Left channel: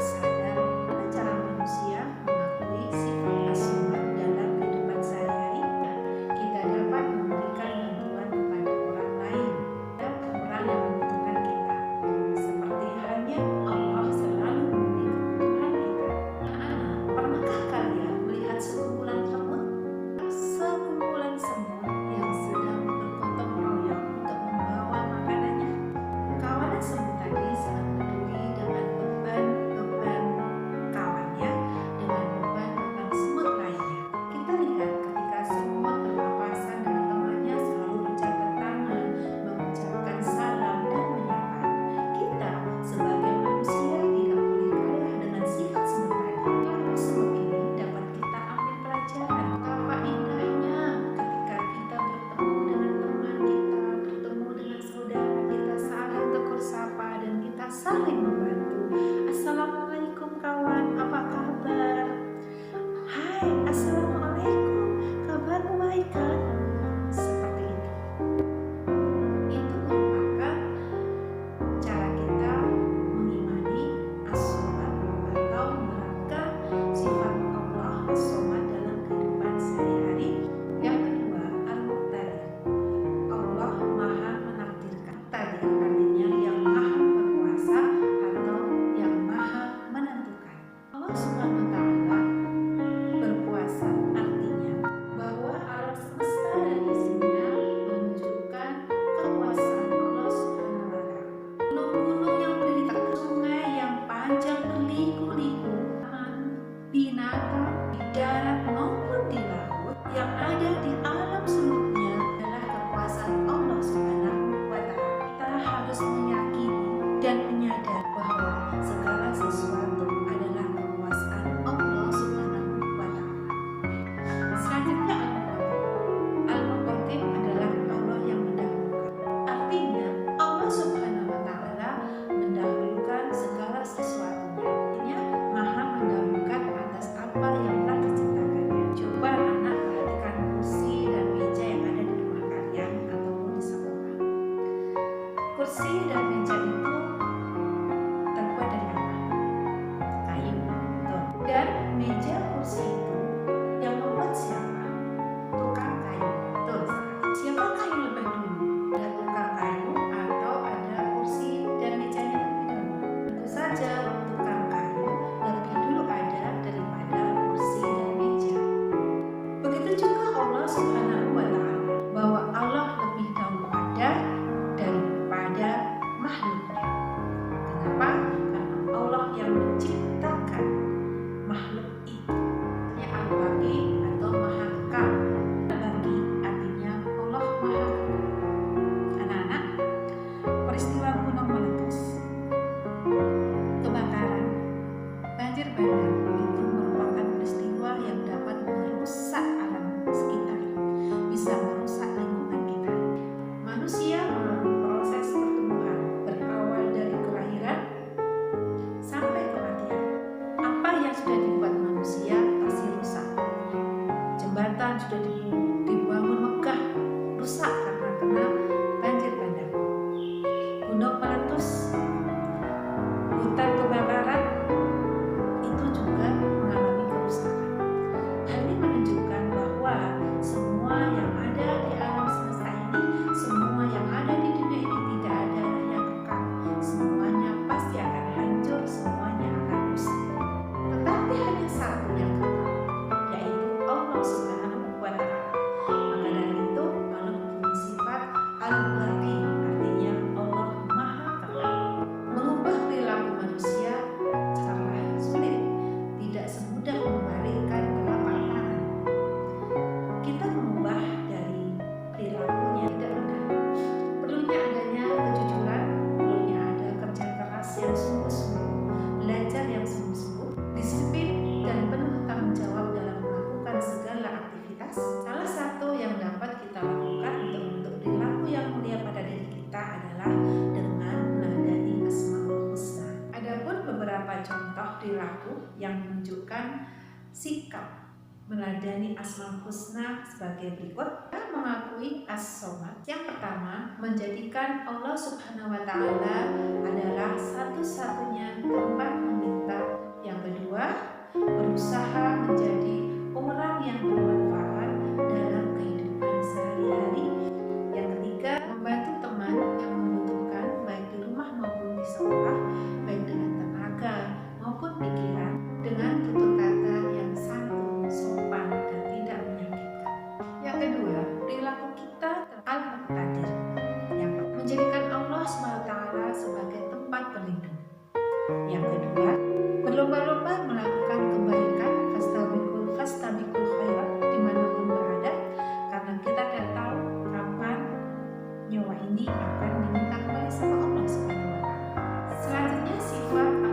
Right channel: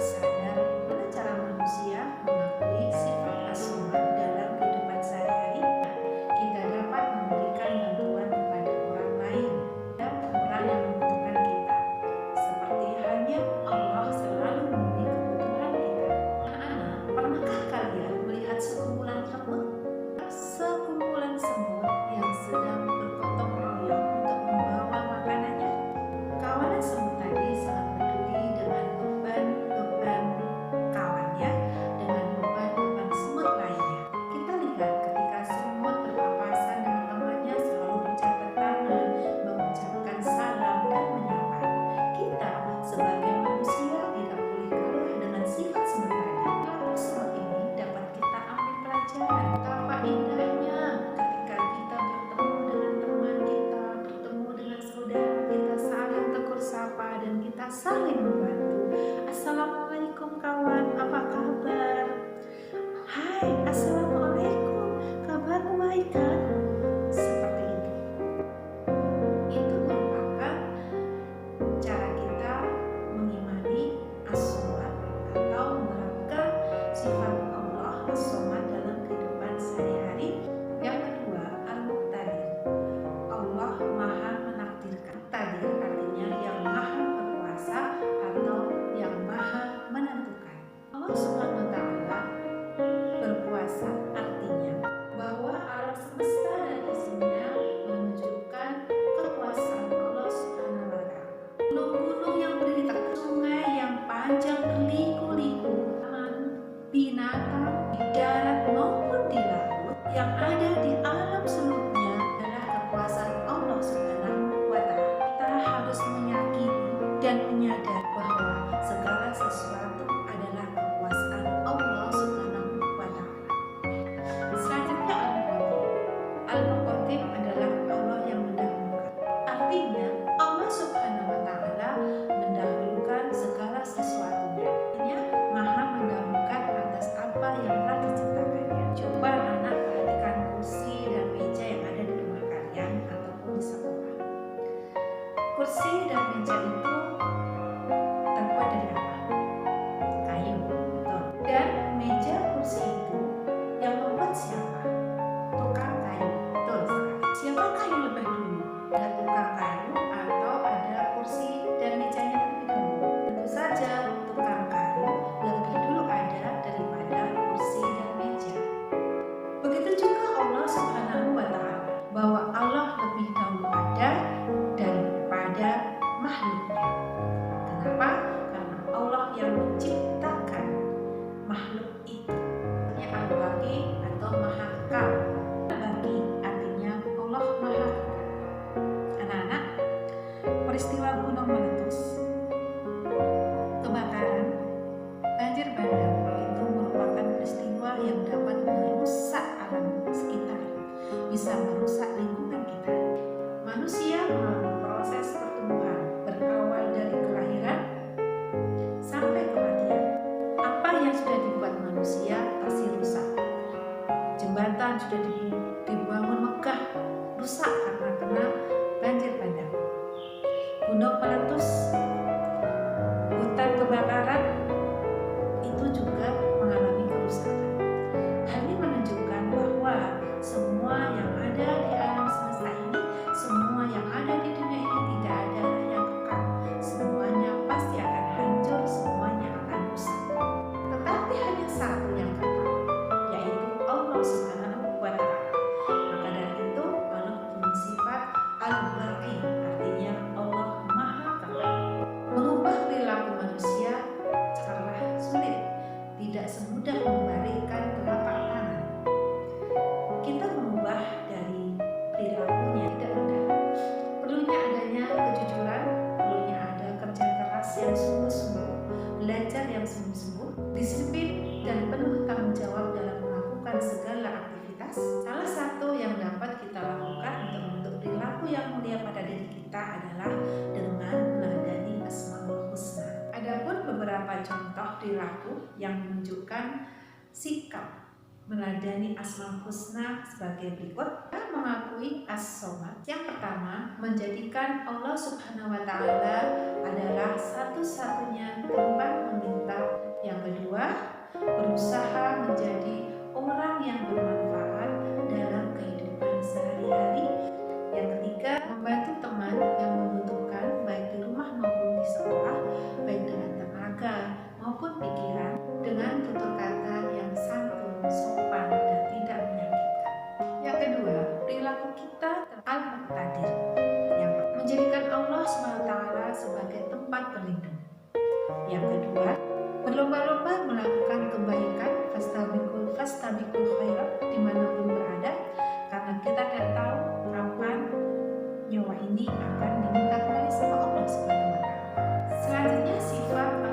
sadar bagaimana cara manusia mengakui sifat as-somad dalam kehidupan sehari-hari? Kita dapat memberikan bantuan kepada orang lain dan orang yang membutuhkan kita. Seperti halnya Allah selalu memenuhi kebutuhan kita. Anak-anak, pernahkah kalian melihat sekumpulan semut? Sekumpulan semut yang sedang bergotong royong untuk membawa makanannya. Kawanan semut tadi sangat peduli dengan beban-beban kawannya dengan beban-beban semut lainnya. Kita lihat ketika semut berpapasan dengan temannya selalu berjabat tangan, mengucapkan salam dan menyapa. Kita sebagai manusia tidak boleh kalah dengan sifat semut tadi. Lalu semut ini dapat kita ambil pelajaran. Betapa indahnya ketika kita bertemu dengan teman kita, bertemu dengan saudara kita, saling tegur sapa dan kita saling membantu. Assalamualaikum kawan, apa kabar? Hai, assalamualaikum, kabarmu baik kan? Seperti itu. Itu merupakan cara kita mengimani as-somad atau menerapkan sifat Allah as-somad dalam kehidupan sehari-hari. Yang kedua, al-muqtadir. Allah maha menakdirkan. Takdir artinya yang maha berkuasa atau yang maha menentukan. Allah Subhanahu wa Ta'ala berkuasa artinya bahwa alam semesta dan isinya menunjukkan kekuasaan Allah Subhanahu wa Ta'ala. Gunung-gunung yang berdiri tegak, sungai yang panjang berliku-liku, binatang di darat maupun di laut yang ada di alam seluruhnya adalah kekuasaan Allah Subhanahu wa Ta'ala. Kita harus meyakini dan menyadari bahwa segala sesuatu adalah kekuasaan Allah Subhanahu wa Ta'ala. Selanjutnya Al-Muqaddim adalah Allah yang mendahulukan. Artinya Allah Subhanahu wa Ta'ala mendahulukan segala sesuatunya. Artinya maha mendahulukan atas apa yang telah diciptakannya. Coba anak perhatikan kursi dan meja yang ada di rumah kalian ataupun di sekolah. Kursi dan meja itu terbuat dari apa? Kayu, betul. Dan meja kursi itu yang membuat siapa? Tukang kayu, betul sekali. Siapakah yang lebih dulu? Ada tukang kayu atau ada kursi dan mejanya terlebih dahulu? Tentu saja tukang kayu lebih dulu ada daripada kursi dan meja. Begitu juga Allah Subhanahu wa Ta'ala, bahwa Allah lebih dahulu ada daripada makhluknya. Kenapa? Karena Allah yang menciptakan makhluk itu. Artinya al-baqi atau maha kekal. Al-baqi artinya Allah maha kekal. Anak-anak, peristiwa gunung meletus, kebakaran, banjir bandang itu merupakan peristiwa yang dapat merusak alam sekitar, bisa merusak lingkungan kita. Manusia melalui proses pertumbuhan berawal dari kelahiran sampai kematian. Apa yang sudah dibuat manusia pasti rusak. Jembatan sudah dibangun megah, rusak karena kena banjir bandang. Gunung meletus, hutan kebakaran, itu juga mengalami kerusakan. Hal ini menunjukkan bahwa semua yang ada di alam semesta ini, semua yang ada di dunia ini tidak ada yang kekal. Semuanya pasti akan hancur, semuanya akan rusak. Tetapi hanya satu yang kekal, yaitu Allah Subhanahu wa Ta'ala. Maka dari itu Allah mempunyai sifat al-baqi, artinya Allah maha kekal. Mengubah perilaku manusia sangatlah sulit, tidak semudah membalikkan telapak tangan. Kita mengubah dari perilakunya tidak mudah. Perlunya adanya kejujuran, perlunya ada kerja keras yang sungguh-sungguh, belajar yang sungguh-sungguh, disiplin dan penuh tanggung jawab dalam melakukan segala aktivitas. Salah satu yang dapat kita lakukan untuk membentuk perilaku yang mulia pada diri kita adalah dengan meneladani Asmaul Husna. Adapun beberapa contoh perilaku yang menunjukkan sikap meneladani Asmaul Husna sebagai berikut. Kita mengakui as-somad. Yang pertama, menjadikan Allah Subhanahu wa Ta'ala adalah satu-satunya tempat meminta kedua, berlomba-lomba melakukan kebaikan, fastabikul khairat dimanapun berada, karena kita tidak tahu kapan nyawa ini akan diminta kembali sama Allah Subhanahu wa Ta'ala. Selanjutnya, sifat